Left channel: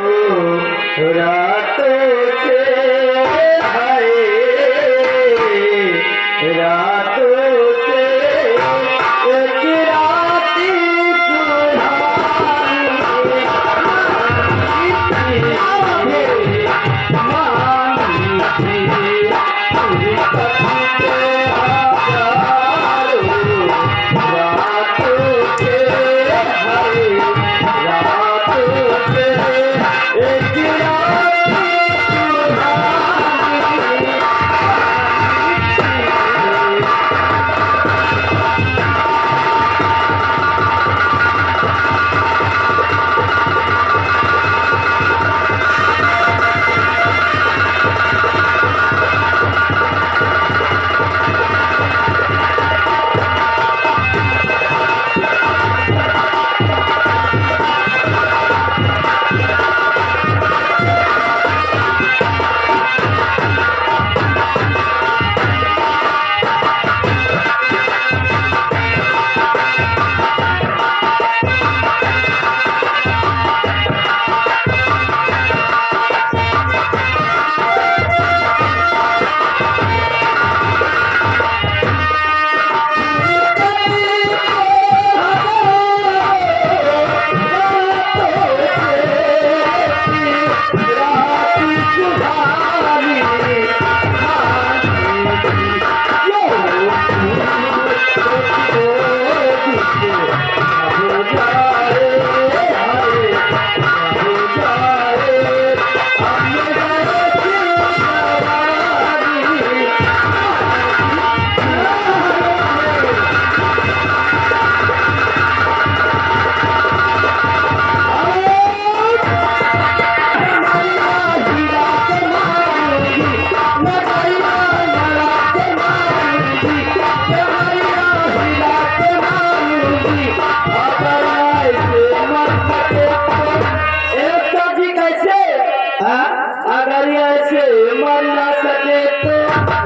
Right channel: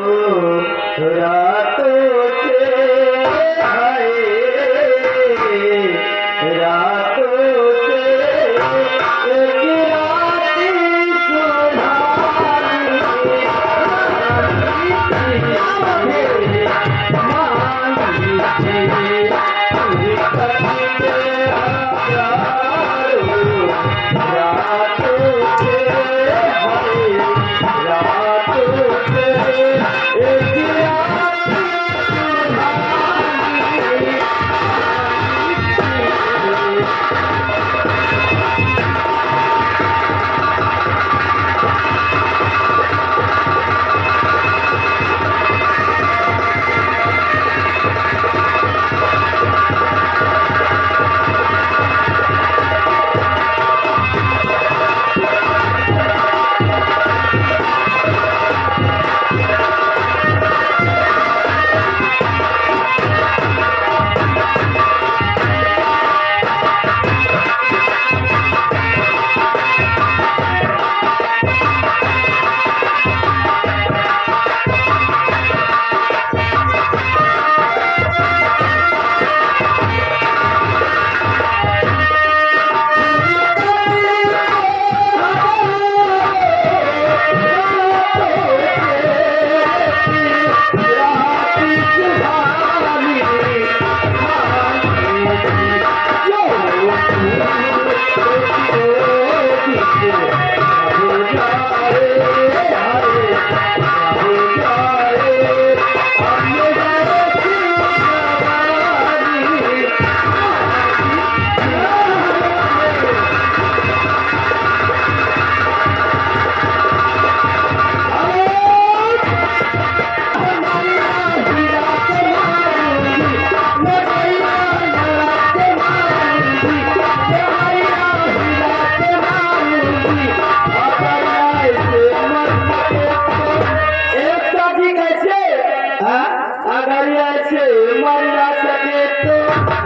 रातों से हाय रातों से एक राती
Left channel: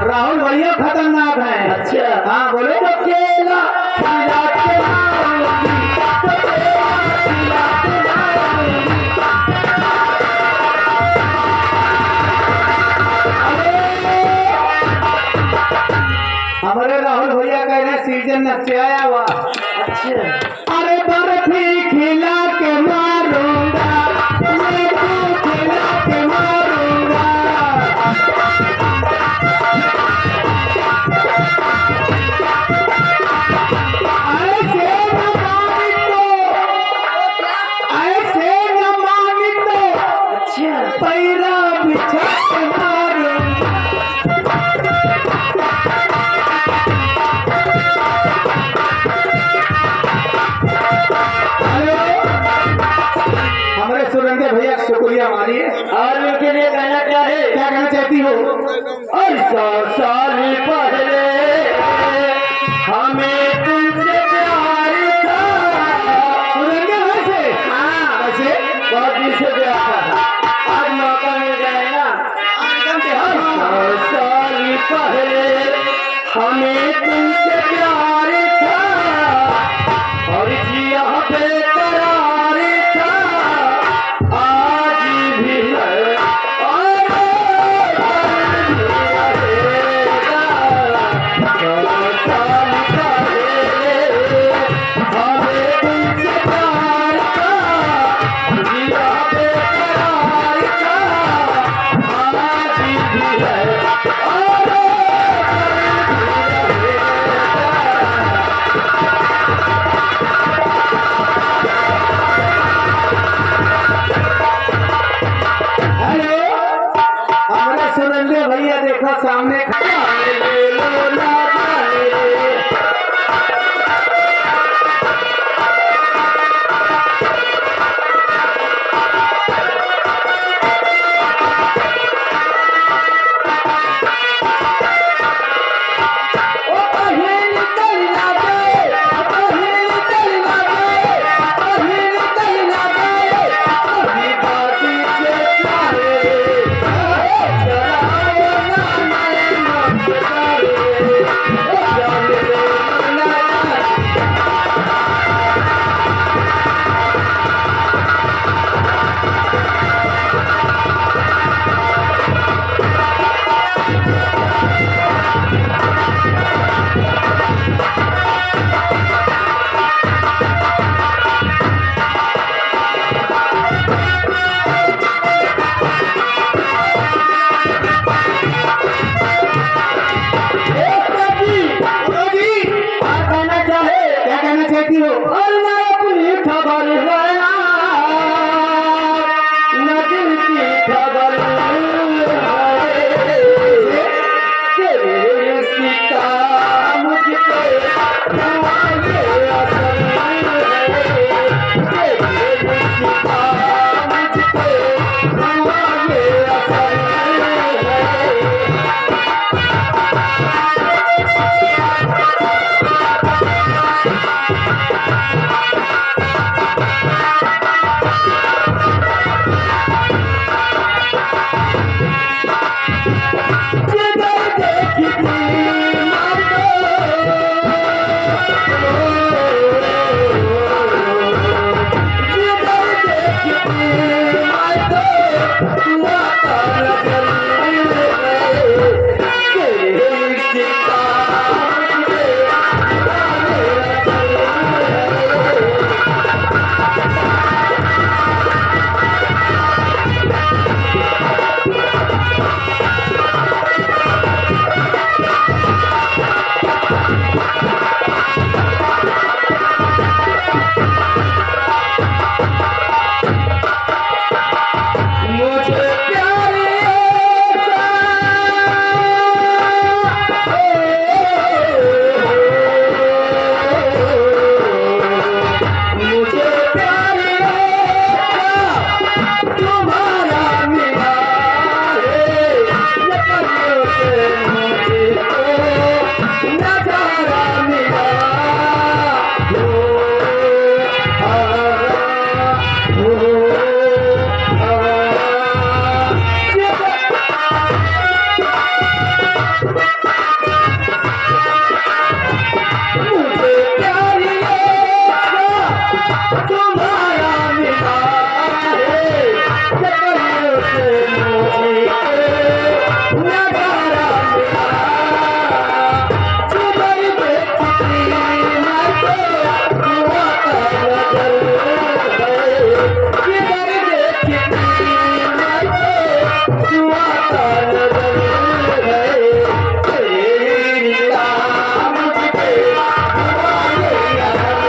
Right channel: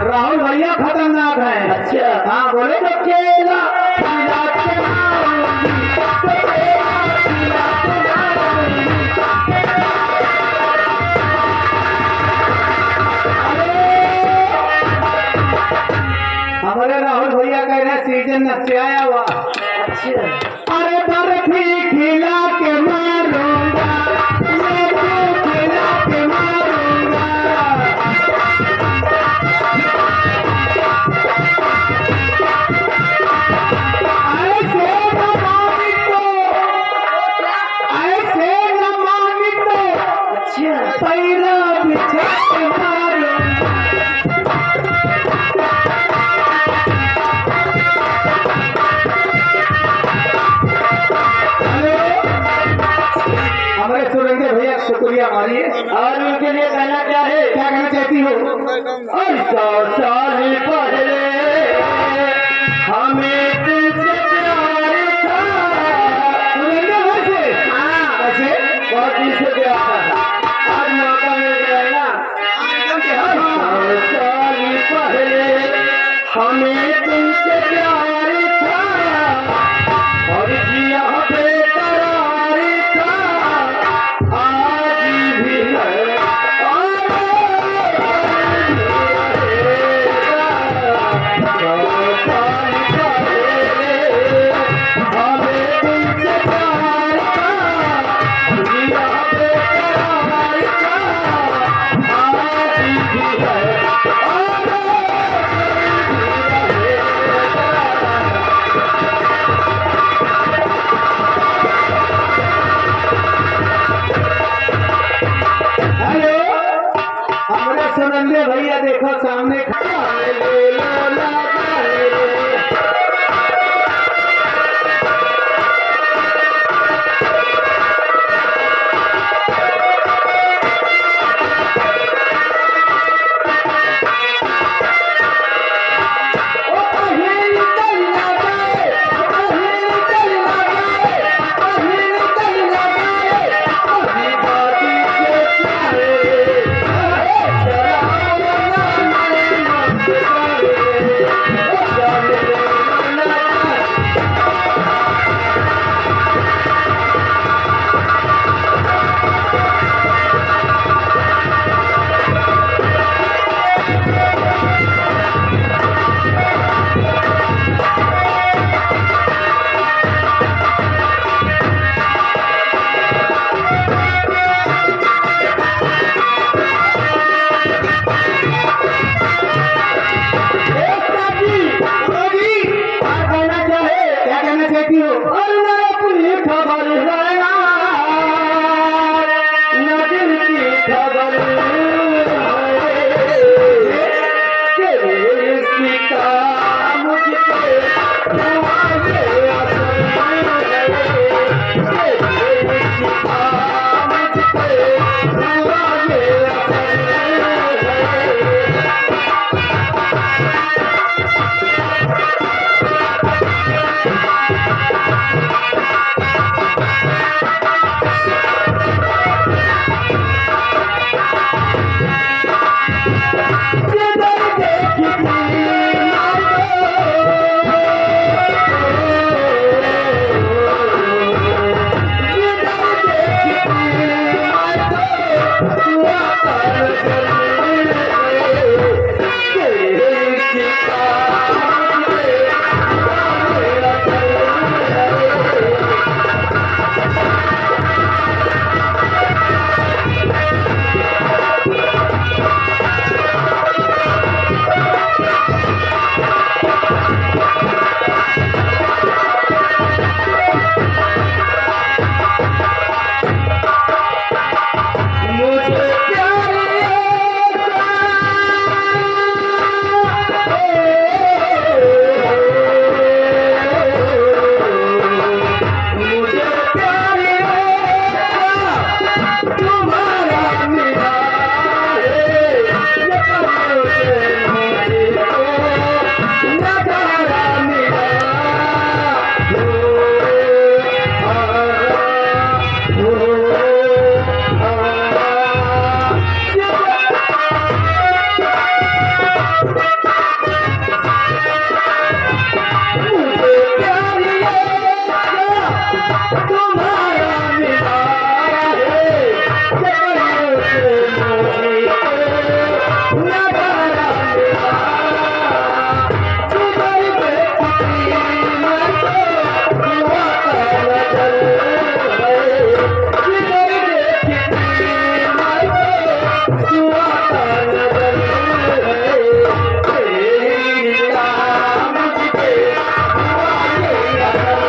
राहुल भैया खतरनाक है। अच्छा हाँ बोले तो केला खिला के मारूंगी, तो केला खिला के मारूंगी। हमारे राहुल भैया कह रहे सीजन से आया हुआ। अच्छा अरे बर्फी खिला के मारूंगा, मैं तो खिला के मारूंगा। ऐसे न मांगी तो अच्छा पैरा बिछा के मारूंगा। हमारे सुरेंद्र भैया शुक्रिया मानिए। और उनके लिए कहना क्या है? क्या कहना चाहती हो? 100 साल पहले हमें तुमसे प्यार था। सुरेंद्र वैसे हाँ वैसे बहुत दिन से प्यार था, आज मौका मिल गया है ना। 100 साल पहले हमें तुमसे प्यार था और जिया बेकरार था, आज भी है और कल भी रहेगा। 100 साल पहले हमें तुमसे प्यार था, जिया बेकरार था, आज भी है और कल भी रहेगा। हेलो हमारे सुरेंद्र भैया देखो सामने हुआ ये असर है। जिधर देखती मुझे प्यार मुझे प्यार तुम्हारा मिला है। मुझको नजारा मिला मुझे प्यार तुम्हारा मिला है। मुझको नजारा मिला। जिधर देखती मैं तो हुआ नजर है। जिधर देखती मैं तो हुआ नजर है। तेरी याद मुझे हुआ ये असर है।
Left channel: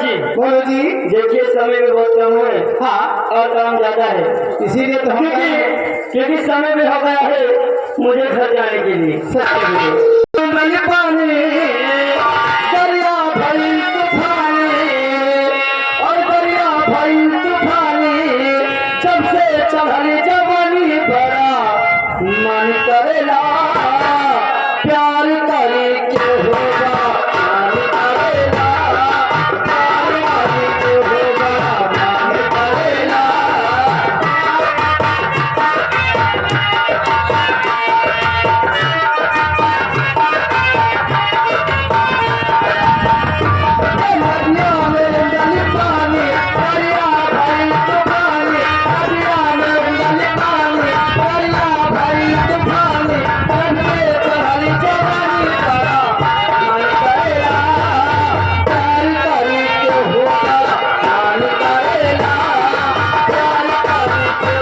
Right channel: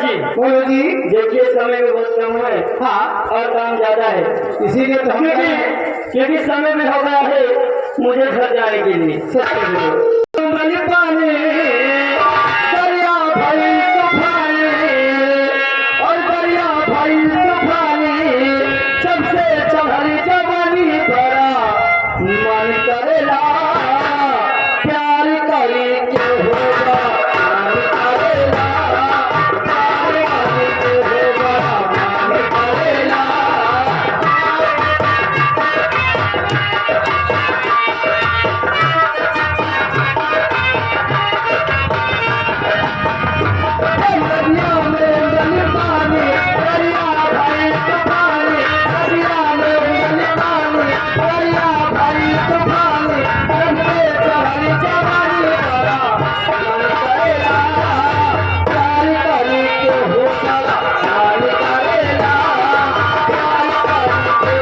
जी बोलो जी। देखिए समय में बहुत कम है हाँ, और काम ज्यादा है, इसीलिए तो हम कह रहे हैं, क्योंकि समय में हो गया है मुझे घर जाने के लिए। सत्य बोलो। मैं पानी दरिया भरी तूफानी और दरिया भरी तूफानी जब से चढ़ी जवानी भरा मन करेला प्यार करे के होगा। मन करेला प्यार करे के होगा। मन करेला दरिया में उड़न पानी दरिया भरी तूफानी दरिया में उड़न पानी दरिया भरी तूफानी जब से चढ़ी जवानी भरा मन करेला प्यार करे के होगा। मन करेला प्यार करे के